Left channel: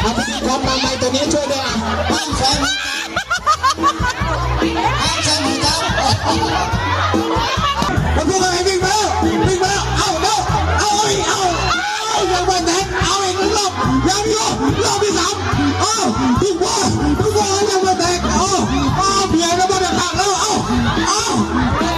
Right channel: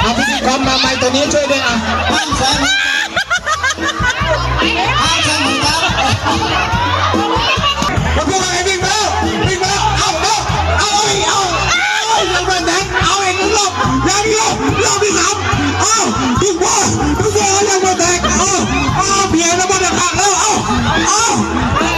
เอาพิธีกรมาไม้ตัวนี้ช่วยด้วยอ่ะห้ามแซงห้ามแซงเหมือนกันมาพวกเราให้วิ่งมาเอายังไม่แทงเอาเองรอบยังรอบที่สามทุกบอลยังไม่แทงเพียงแล้วบอลจะขาดแล้ว